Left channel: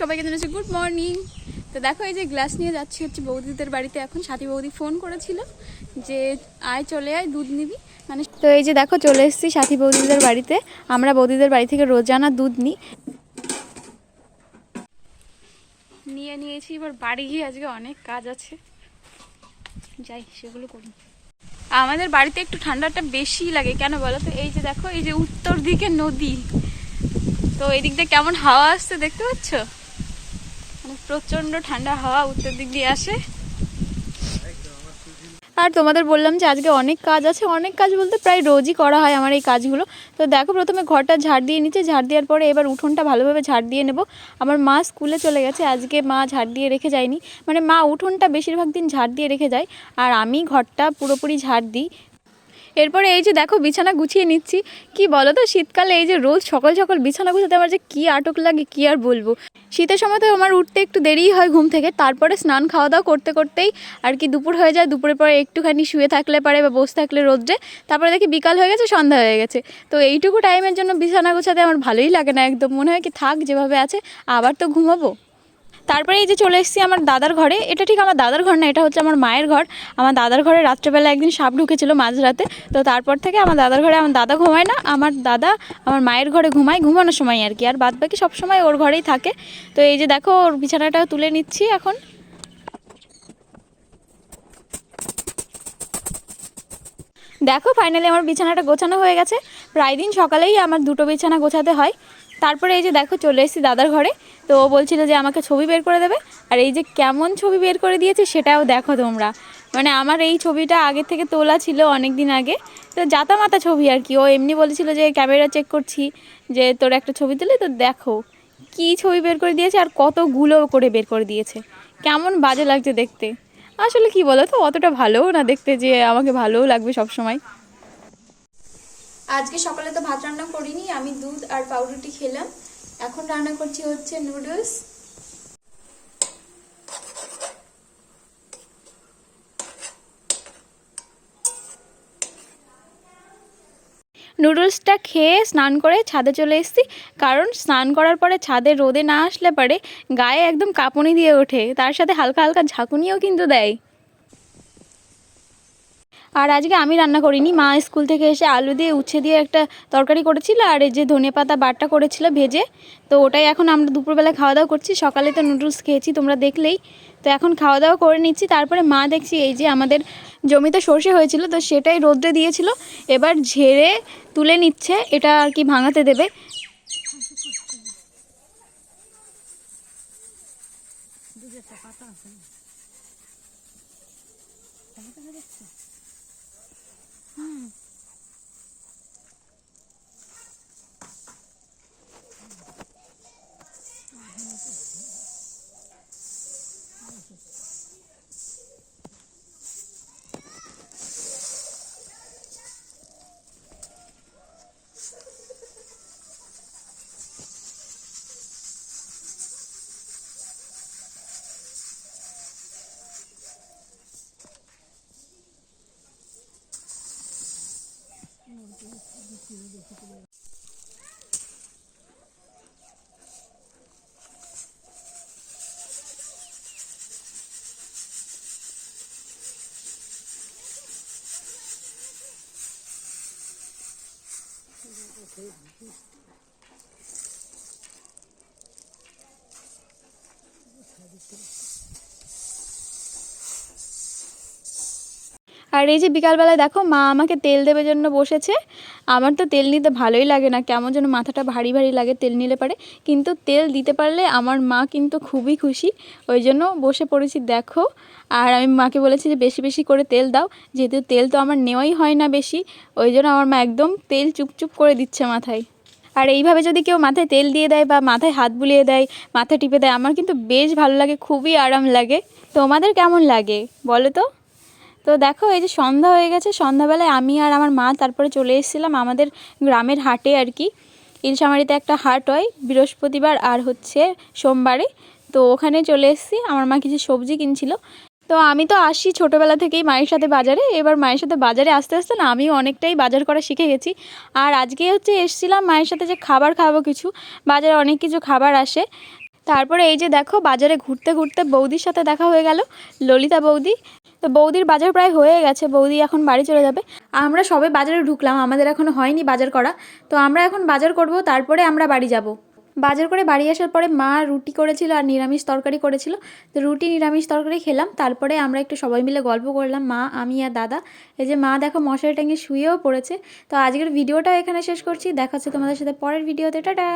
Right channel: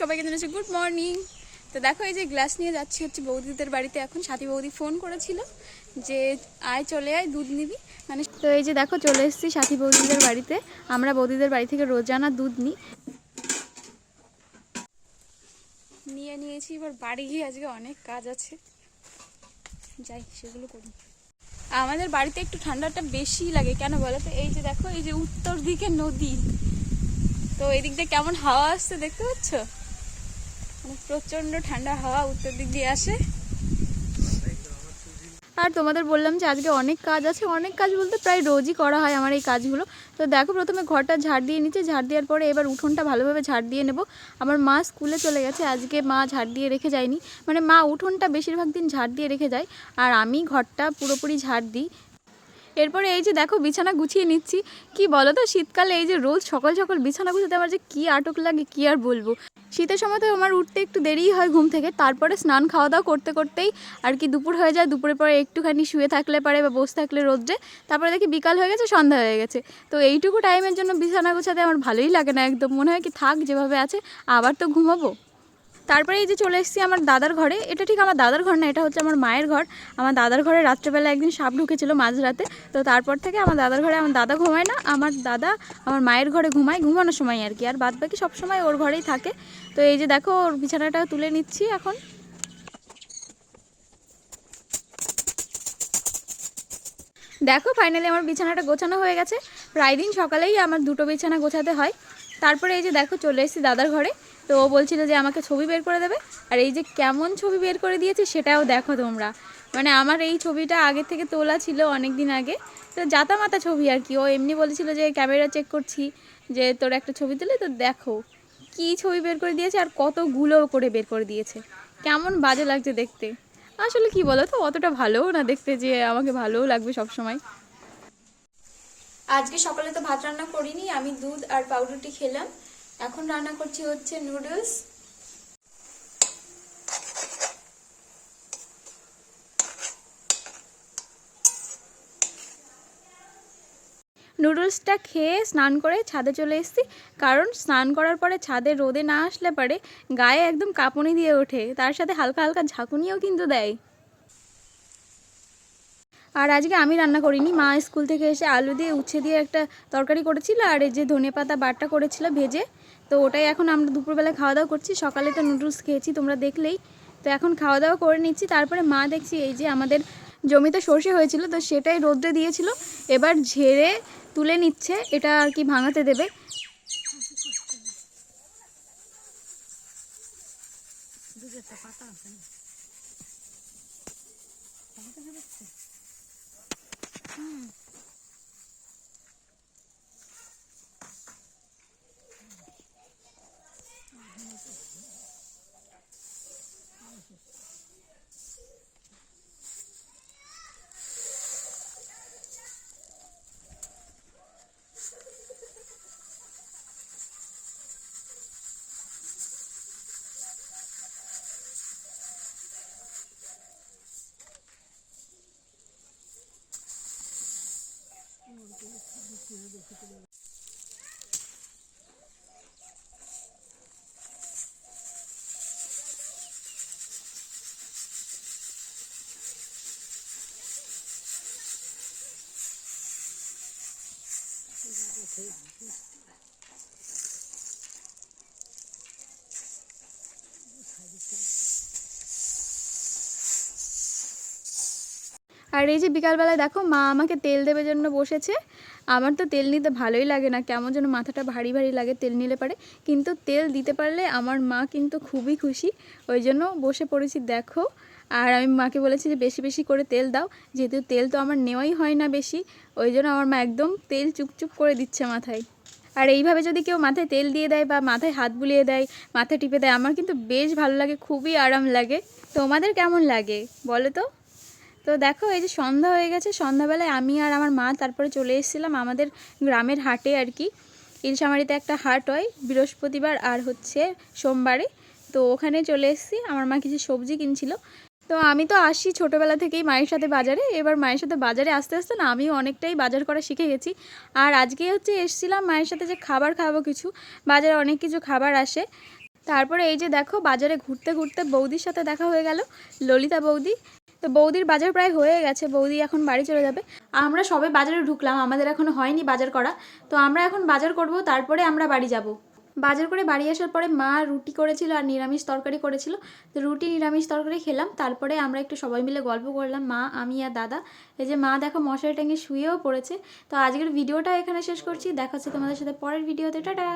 সবাইকে জানাচ্ছি good morning তো দেখো এই যে গ্লাস নিয়ে যাচ্ছি হচ্ছে বৌদিদের বাড়িতে। এখন সাথী বৌদি ফোন করেছিল যে আয় চলে আয়, দুধ নিবি। মানে তো এই যে দেখো চলে এসেছি সাথী বৌদিদের বাড়িতে। আমরা বৌদিদের বাড়ি থেকে রোজানা দুধ নিই। নিয়ে নিয়েছি, এবার বাড়ি গিয়ে আজকে অনেক কাজ আছে। যাই, সেগুলো করি। আমাদের বাড়িতে একটু ঠান্ডাটা বেশি লাগে, কেন বলো তো? এই যে দেখো, এই যে উত্তর দিকে নদী। তো এই দিক দিয়ে কেমন হাওয়া আসছে দেখতে পাচ্ছ? মানে প্রচণ্ড ঠান্ডা হাওয়া উত্তর দিক দিয়ে আসে। আর তোমাদের বললাম যে আজকে অনেক কাজ আছে, অনেক কাজ বলতে প্রায় রোজই করা হয় আমার এই কাজগুলো। তো দেখো প্রথমে ঘরটা ঝাড় দিয়ে নিচ্ছে ঝাড় দেওয়ার পরে এবার উঠোনটা ভালোভাবে ঝাড় দিয়ে নেব। আমার মা স্কুলে চলে গেছে, আজকে মা ঝাড় দিয়ে রেখে যায়নি। মানে মা উঠোনটা বেশিরভাগ দিন ঝাড় দিয়ে রেখে যায়। আর আমি ঘরটা পুরোপুরি ঝাড় দিই। এরপরে এই যে দেখো বিছানা গুছিয়ে নিচ্ছি। কি বলো তো শীতকালে এই যে রোজ সকাল সকাল বিছানা গুছাতে আমার যে কী আটক লাগে, কি আর বলব? শীতের সময় তো আমার উঠতে একটু দেরিই হয় ঘুম থেকে। তারপরে স্নান খাওয়া দাওয়া করতে করতেই আর কি দুপুর হয়ে যায়। দুপুরের পরে একটুখানি শুয়ে থাকলে পারে বা বসে থাকলে রোদ্রে। তারপরে দেখি বিকাল হয়ে গেছে, সন্ধ্যা হয়ে গেছে। তো এইটুকু টাইমের জন্য বিছানা গোছাতে আমার ভালোই লাগে না একদম। মনে হয় কি থাক, যেভাবে আছে, আবার তো ঘুমাবো। তারপরে এই যে চলে এসেছি আমার দাদার ঘরে। এটা ঠিক আমার দাদার ঘর না, এটা হচ্ছে আমার মায়ের ঘর। আমার দাদার ঘরে রাত্রেবেলা একদিন সাপ ঢুকেছিল মাঝরাতে। তো তারপর থেকে আমার দাদার ঘরে আমার দাদা ঘুমায় না, আমার দাদা আমার মায়ের ঘরে ঘুমায় ঘুমানোর সময় আর কি। আর বাদ বাকি সবসময় ওর ঘরেই থাকে। তো এই যে দেখো, ওর বিছানাটাও তুলে নিচ্ছি এখন। দেখো ফাইনালি আমার বিছানাটা গোছানো হয়ে গেছে। প্রায় দিন সকালেই আমার দুটো বিছানা গোছাতে হয়। তারপরে এই যে দেখো চলে এসেছি দাদার ঘরে, তো ও বলছিল যে আমাকে ছবি বের করে দেবে, আর এই যে কেমন ছবি বের করে দিয়েছে সেটাও দেখো তোমরা। মানে আমার এই ছবিটা আগে থেকে তোলা ছিল অনেক দিন আগে, তো জাতা মাতা ছবি আর কি। ও এমনি বলেছিল যে ক্যামেরা চেক করছি, যে তোর একটা ছবি তুলে, তো দেখো কি ছবি বের করে দিয়েছে আর কতগুলো করে বের করে দিয়েছে। কেমন বাজে লাগছে দেখতে। আসলে কি বলো তো অতটা ভালোও না দেখতে যে আমাকে ভালোও লাগবে সব সময় আজকে সকালে তো ভাত রান্না করিনি, আমি দুধ আর পাউরুটি খেলাম। এখন রান্না করছি হচ্ছে নুডলস নুডলসটা খেয়ে স্নান করে ছাদে চলে এসেছি, কারণ স্নান করার পরে ছাদে রোদে না আসলে পারে গায়ে একদম কাঁপুনি দিয়ে ওঠে, তার সাথে হালকা হালকা ঝাঁকুনিও কিন্তু দেয়। আর আজকে আমি রান্না করিনি। মা স্কুল থেকে এসে আলু দিয়ে উচ্ছে দিয়ে একটা তরকারি করেছিল আর এই যে ধনে পাতা বাটা করেছিল ভেজে। তো ওটাই এখন আমরা দুপুরবেলা খাওয়া দাওয়া করছি। সকালে তো নুডলস খেয়েছি, তোমরা দেখলেই। তো এখন খাওয়া দাওয়া করে নিচ্ছি। তারপরে মা দেখছি এই যে আমাদের জমিতে সর্ষে হয়েছিল, তো সেটাই রোদ্রে দিয়েছিল। এবার ঝেড়ে তুলে নিচ্ছে, এটা আর কি ভাঙাতে দেবে। Hmm. Okay. আর এই যে বিকালবেলায় দেখো মা আমাকে তেল দেবে জন্য বসেছে। আমার তো তেল নিতে ভালোই লাগে না, কেমন যেন মাথাটা ভারী ভারী লাগে তেল নিলে পারে। কিন্তু তেল দিতে পারলে আমার মা কিন্তু খুবই খুশি, ওই জন্য বসে পড়েছি দেখো। আর আমি মাকে বলেছি যে বেশি বেশি করে তেল দাও, যেহেতু তেল তো আমার নেওয়াই হয় না বেশি, ওই জন্য আমার মা একদম তেল চুপচুপ করে দিচ্ছে মাথায়। আর এইভাবে যদি কেউ মাথায় তেল দিয়ে দেয় বা মাথায় হাত বুলিয়ে দেয়, মাথা টিপে দেয়, আমার কিন্তু বেশ ভালো লাগে, খুবই আরাম লাগে। তোমাদের কেমন লাগে বলো তো? তো দেখো, এই যে সন্ধ্যা হয়ে গেছে। সন্ধ্যাবেলায় আমি আর আমার মা তারপরে চলে এসেছিলাম আমাদের গ্রামের হাটে আর কি। ইলশামারিতে একটা হাট হয়, বৃহস্পতিবার আর হচ্ছে সোমবারে। তো ওখানে চলে এসেছি, আমার মা কিছু সবজি কিনছিল। তো আমি তো আসি ছোটোবেলা থেকেই মায়ের সাথে বাজারে। এবার মায়ের সাথে বাজারে আসতে আসতে না আমি অনেকটাই বাজার করা শিখে গেছি। আর আজকে হচ্ছে এসেছিলাম মায়ের সাথে যে খাবার খাব কিছু। বাজারে অনেক কিছু খাবার আসে। তারপরে এই যে দেখো, বাজারে ঘুরতে ঘুরতে বৌদির সাথে দেখা হয়ে গেল, ললিতা বৌদি। তো বৌদির বাজার প্রায় হয়ে গেছে, বৌদি এখন বাড়ি চলে যাবে। আমরা সবে বাজারে ঢুকলাম, আমাদের এখনও হয়নি বাজার করা। তো আমরা এখন বাজার করব, তারপরে আমরা বাড়ি যাব। বাজার করে বাড়ি আসার পরে মা রুটি করেছিল আর নিরামিষ তরকারি করেছিল। তো রুটি, নিরামিষ তরকারি খেলাম, তারপরে আমরা একটু সবাই মিলে গল্প করলাম, মা, আমি আর দাদা। এই যে মা দেখো মশারি টাঙিয়ে শুয়েও পড়েছে। তো আজকের ভিডিওটা এখানে শেষ করছি দেখাচ্ছে তোমাদের সাথে পরের ভিডিওতে, টাটা।